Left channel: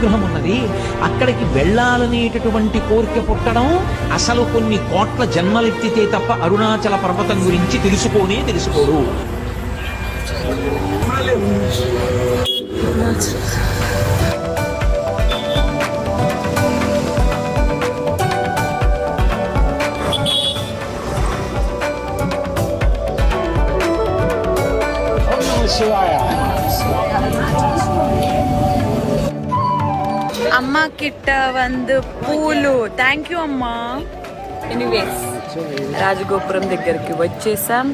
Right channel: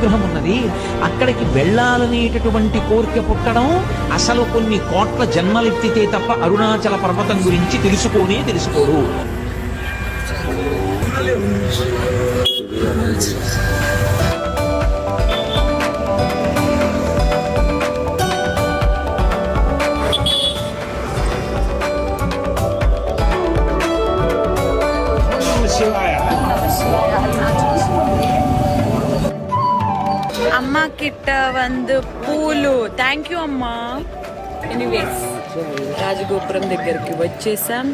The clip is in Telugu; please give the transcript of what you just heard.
గ్రహం ఉన్నది. అక్కడికి వెళ్ళాలనేటటువంటి కోరిక పుట్టడం అసలు కొన్ని కోట్ల జన్మలెత్తితే తప్ప అరుణాచల పర్వతం గురించి తెలుసుకోడు. అమ్మ కిట్ట వందు పూలు. థ్యాంక్ యూ అమ్మా. ఎనీవే రాజగోపురం దగ్గరికి వచ్చేసాం.